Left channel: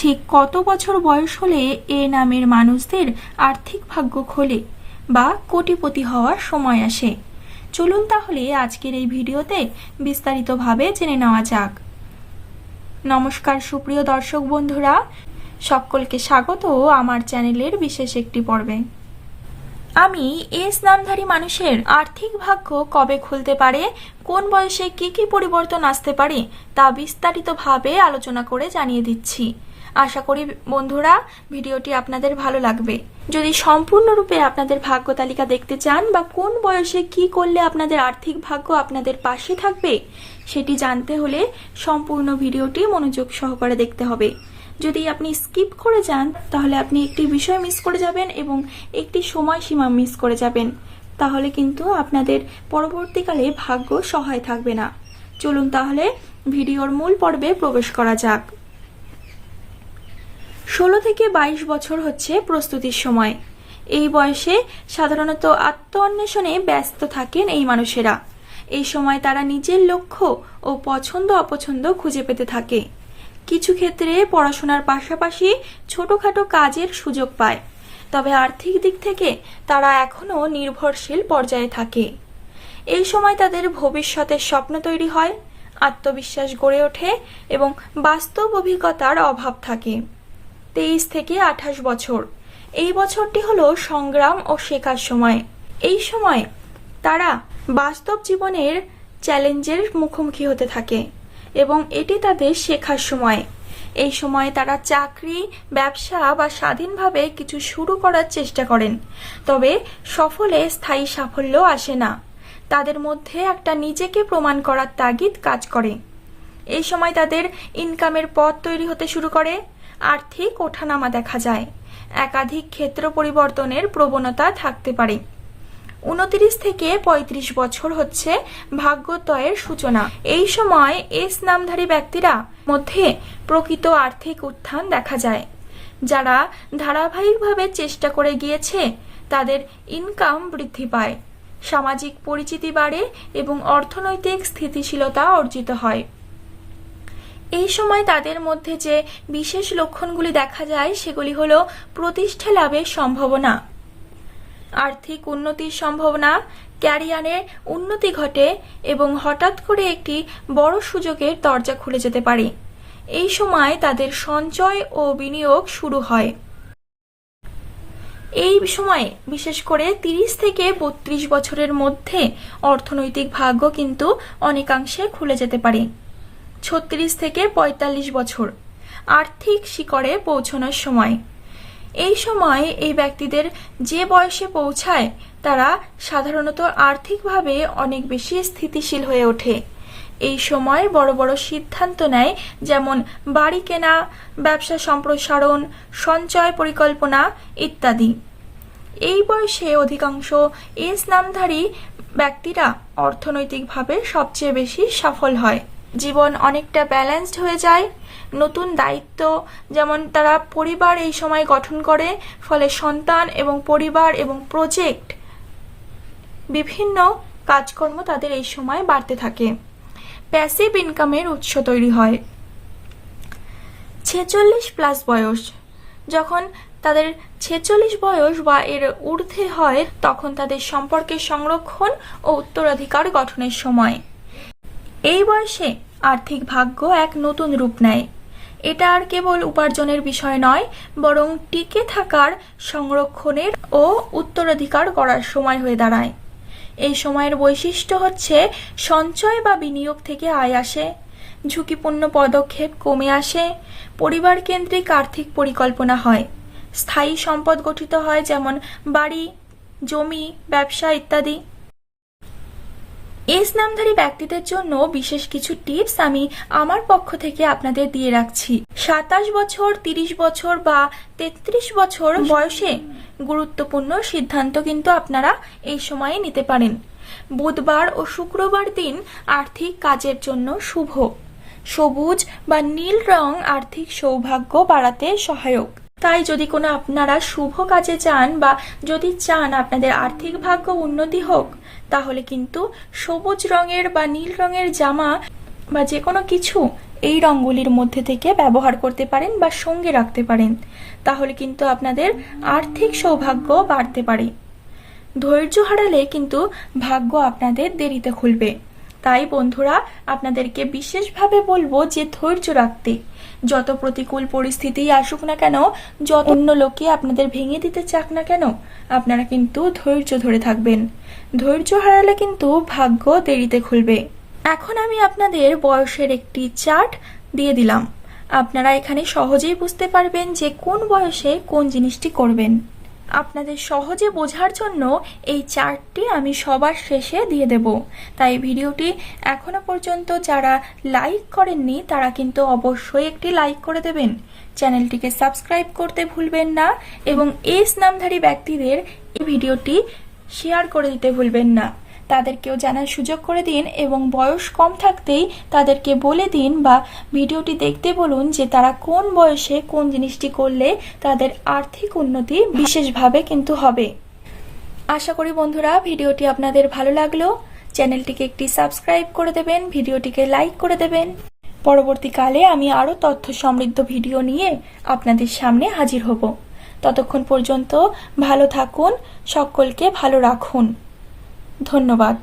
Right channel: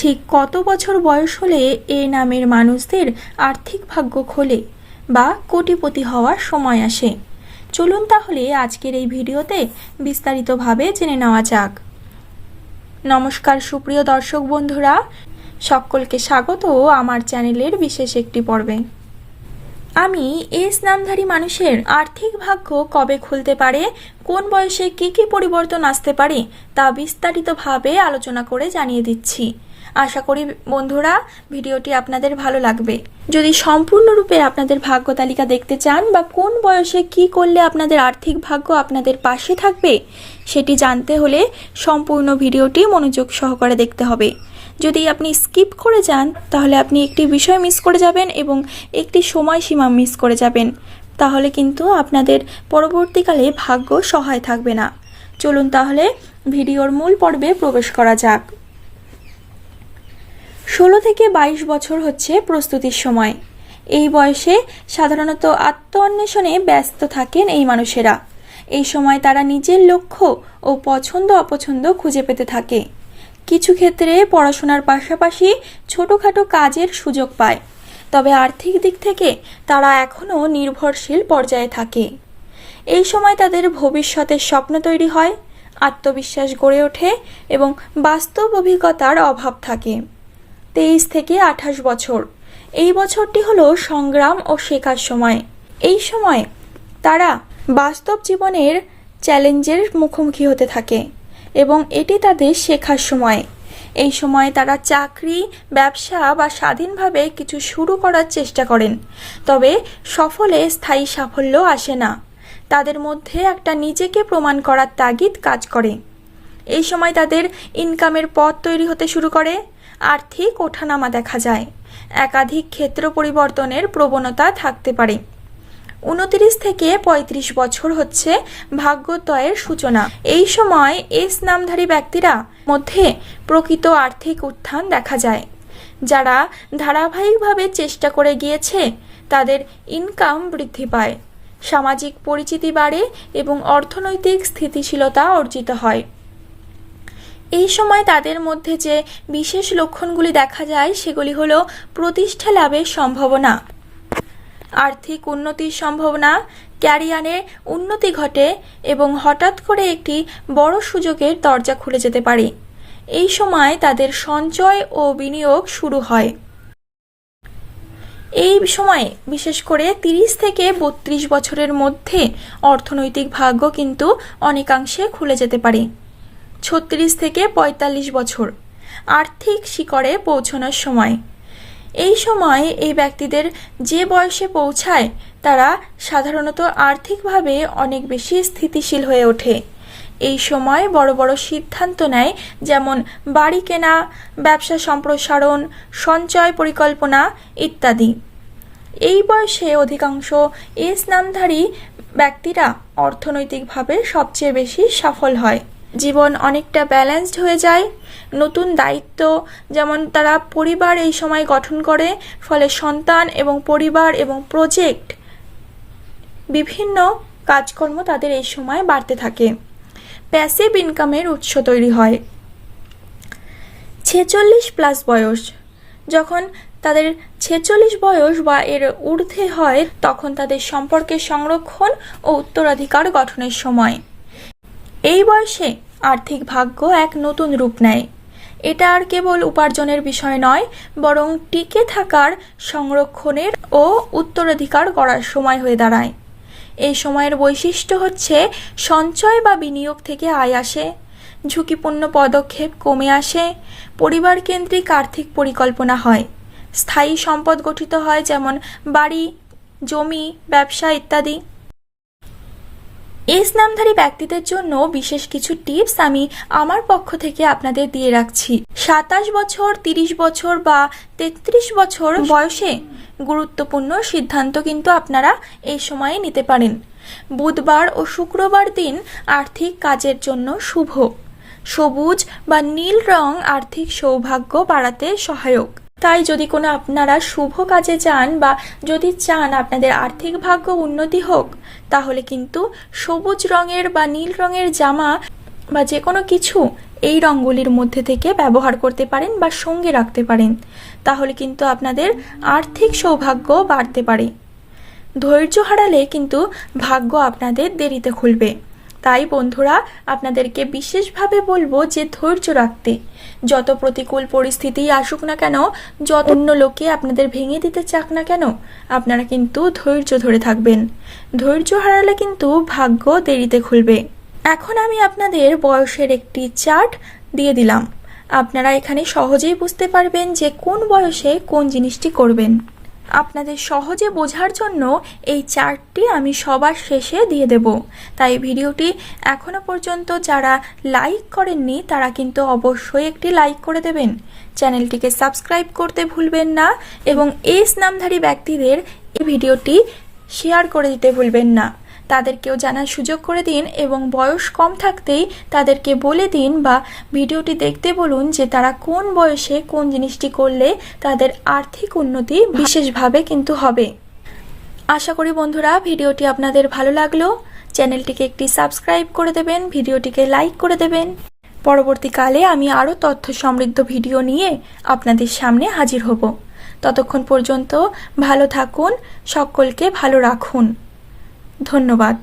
ঠিক কত বছর বয়স হলে এ নামের মানুষদের আর্থিক ভাগ্য খোলে বা কোটিপতি হওয়ার সময় আসে। চলুন তাহলে আজকের এই ভিডিওতে বিস্তারিতভাবে জেনে নেওয়া যাক। নমস্কার, সুপ্রিয় দর্শক বন্ধুরা। সকলকে স্বাগত আমার চ্যানেলের বিশেষ একটি পর্বে। আমি এস নামধারী মানুষের আর্থিক ভাগ্য কবে খুলতে পারে, কোন বয়সে কি কি পরিবর্তন আসতে পারে, তা বিস্তারিতভাবে আলোচনা করে জানিয়ে দিচ্ছি। আশা করি বন্ধুরা ভিডিওটি আপনাদের ভালো লাগবে। যদি সম্পূর্ণরূপে আপনাদের ভাগ্য তালিকা দেখতে চান বা কোন বয়সে কি করলে আপনাদের আর্থিক ভাগ্য আপনাদের পাশে থাকবে, সেটি জানতে হলে সম্পূর্ণ ভিডিওটি মনোযোগ সহকারে দেখতে হবে। যদি আপনি স্কিপ করে যান, তাহলে আপনি একটি বিষয় মিস করে যাবেন এবং একটি সময়সীমা মিস করে যাবেন। তাহলে কিন্তু আপনাদের পরবর্তীকালে ভাগ্য সহায় থাকবে না। চলুন তাহলে ভিডিওর মূল পর্বে প্রবেশ করা যাক। ষোলো থেকে বাইশ বছর হচ্ছে প্রস্তুতির সময়। এই বয়সে সাধারণত আত্ম অন্বেষণে ব্যস্ত থাকেন এই মানুষেরা। এই সময় তারা নিজের লক্ষ্য ও পছন্দ অপছন্দ খুঁজে পেতে থাকে। কিছু ক্ষেত্রে পড়াশোনার পাশাপাশি ছোটোখাটো কাজের সুযোগ পায়। তবে আর্থিক দিক থেকে তারা এখনও নির্ভরশীল পর্যায়ে থাকে। এই সময় তাদের ভবিষ্যতের স্বপ্ন তৈরি হয়, আত্মবিশ্বাস গড়ে ওঠে এবং বাস্তব অভিজ্ঞতার অভাব থাকে। তেইশ থেকে আঠাশ বছর। এই বছরটি হলো সংগ্রাম ও শেখার সময়। এই সময় তারা বাস্তব জীবনের চ্যালেঞ্জের মুখোমুখি হতে থাকে এবং এটি তাদের শেখার সময়। এই সময় তারা চাকরি, ব্যবসা বা স্বাধীনভাবে কিছু শুরু করার চেষ্টা করেন, তবে সফলে স্থায়ী সাফল্য আসে না। তাদের মধ্যে একটা নিজেকে প্রমাণ করার তাগিদ কাজ করে। এই সময় তাদের ইনকামের পথ তৈরি হতে শুরু করে। আর্থিক ওঠানামা দেখা যায়। একাধিক ক্ষেত্র পরিবর্তনের প্রবণতা থাকতে পারে। উনত্রিশ থেকে ৩৫ বছর হচ্ছে ভাগ্যোদয়ের সূচনা। এই সময় এস নামধারী ব্যক্তিরা মধ্যে প্রকৃত আর্থিক উত্থান দেখা যায়। যারা ধারাবাহিকভাবে চেষ্টা করে গিয়েছে, তাদের ইনকাম বৃদ্ধি পায়। সামাজিক পরিচিতি বাড়ে এবং অর্থনৈতিক স্থিতিশীলতা অর্জিত হয়। এই সময় তাদের মধ্যে যে বিশেষ লক্ষণগুলি দেখা যায়, সেগুলি হল প্রতিষ্ঠা লাভের সম্ভাবনা, আর্থিক উন্নতির সম্ভাবনা ক্যারিয়ারে উন্নতি ঘটে এবং হঠাৎ করে একটি বড় সুযোগের দরজা খুলে যেতে পারে। এই সময় তাদের সঞ্চয় ও বিনিয়োগ শুরু হয়। এই সময়ে বিশেষ করে তিরিশ থেকে বত্রিশ বছরের মধ্যে অর্থনৈতিক ভাগ্য কিন্তু অনেকাংশে খুলে যেতে পারে। ছত্রিশ থেকে পঁয়তাল্লিশ বছর। আর্থিক শিকড়ে পৌঁছানোর সময়। এই সময় এই ব্যক্তিদের যে বয়সে পৌঁছায়, তারা সাধারণত আর্থিকভাবে অনেক বেশি স্থিতিশীল হয়ে ওঠে। এই সময় বড় বড় সিদ্ধান্ত নেয়, যেমন বাড়ি কেনা, ব্যবসা সম্প্রসারণ, সঞ্চয় পরিকল্পনা ইত্যাদি। এই বয়সে অধিকাংশ এস নামধারী ব্যক্তিরা অর্থনৈতিকভাবে সবচেয়ে বেশি সফল হয়। জীবন অনেকটা ব্যালেন্সড হয়ে যায়। নতুন দায়িত্ব, যেমন তারা পরিবার এই সময় গঠন করে, ফলে সন্তান এবং পরিবার এবং প্রজেক্ট বিভিন্ন কাজকর্ম তাদের এই সময় বাড়তে থাকে। প্যাসিভ ইনকামের উৎস তৈরি হয়। ছেচল্লিশ প্লাস বয়স। যখন তাদের ছেচল্লিশ বয়স বা এর ঊর্ধ্বে হয়, তখন তাদের সম্পর্কের সংরক্ষণ ও উত্তরাধিকার গঠনের সময়। এই বয়সে আর্থিক ভাগ্য এক নতুন রূপ নেয়। এটা আর কেবল উপার্জনের বিষয় নয়, বরং টিকে থাকার, সংরক্ষণের ও উত্তরাধিকার করার সময় হয়ে দাঁড়ায়। এই সময়ের বৈশিষ্ট্য হচ্ছে সঞ্চয় বা বিনিয়োগ থেকে আয় আসে, ঝুঁকিপূর্ণ পদক্ষেপ কমে আসে পরিবার কেন্দ্রিক আর্থিক পরিকল্পনা হয়। স্থায়ী সম্পদ গঠিত হয় যেমন বাড়ি, জমি, ব্যবসা ইত্যাদি। এস নামধারী ব্যক্তিদের জন্য বিশেষ কিছু টিপস আমি আমার পক্ষ থেকে আপনাদের দিয়ে রাখছি। সাতাশ বছর, তিরিশ বছর বা তেত্রিশ বছর বয়সে গুরুত্বপূর্ণ সিদ্ধান্ত কিন্তু আপনারা এই সময়ে নিতে পারেন। বুধবার ও শুক্রবার দিন আর্থিক কাজের জন্য শুভ। সবুজ বা নীল রং আর্থিক সৌভাগ্য বাড়াতে সহায়ক। তাই যদি কোনো আপনারা শুভ কাজে যান বা যদি চান আপনাদের আর্থিক ভাগ্য উন্নতি হোক, তাহলে কিন্তু সবুজ রঙের বা নীল রঙের জামা বা যে কোনো কিছু এই রঙগুলির মধ্যে থেকে ব্যবহার করতে পারেন বা সঙ্গে রাখতে পারেন। তাহলে কিন্তু আপনাদের আর্থিক সৌভাগ্য বাড়তে পারে। ধৈর্য হারালে কিন্তু ভাগ্য আপনাদের দেরিতে খুলবে। তাই বন্ধুরা, আপনাদেরকে বিশেষভাবে বলব যে ধৈর্য রাখতে। যত প্রতিকূল পরিস্থিতি আসুক না কেন, যত অন্য লোকে আপনাদের ভেঙে দিতে চাক না কেন, আপনারা কিন্তু ধৈর্য ধরে থাকবেন। ধৈর্য হারালে কিন্তু ভাগ্য দেরিতে খুলবে। এখন আমি আপনাদের বয়সের একটি চার্ট দিয়ে দিলাম। আপনারা এখানে সহজেই বুঝতে পারবেন যে কোন বয়সে কোন জিনিসটি করবেন। আপনাদের সহজে বোঝার জন্য এই চার্টটি আমি সবার শেষে দিয়ে দেব। তাই ভিডিওটি এখনও পর্যন্ত যারা লাইক করেননি, তারা কিন্তু অবশ্যই একটি লাইক করে দেবেন। চ্যানেলটিকে সাবস্ক্রাইব করতে ভুলবেন না এবং এস নামধারী ব্যক্তিদের এই ভিডিওটি শেয়ার করে দিতে ভুলবেন না। তাদেরকেও জানার সুযোগ করে দিন এবং বয়স কম থাকতেই তাদেরকে বলে দিন বা ভিডিওটি দেখতে বলুন যে তারা কোন বয়সে কোন জিনিসটি করলে তাদের আর্থিক উন্নতি বিশেষভাবে কিন্তু হবে। আশা করি বন্ধুরা, ভিডিওটি আপনাদের ভালো লাগল। চ্যানেলটিকে একটি সাবস্ক্রাইব করে দেবেন, ভিডিওটিকে লাইক করে দেবেন। পরবর্তীকালে আমি আরও তথ্য সমৃদ্ধ ভিডিও নিয়ে আপনাদের সামনে হাজির হব। ততক্ষণ পর্যন্ত ভালো থাকুন, সকলকে ভালো রাখুন। ধন্যবাদ।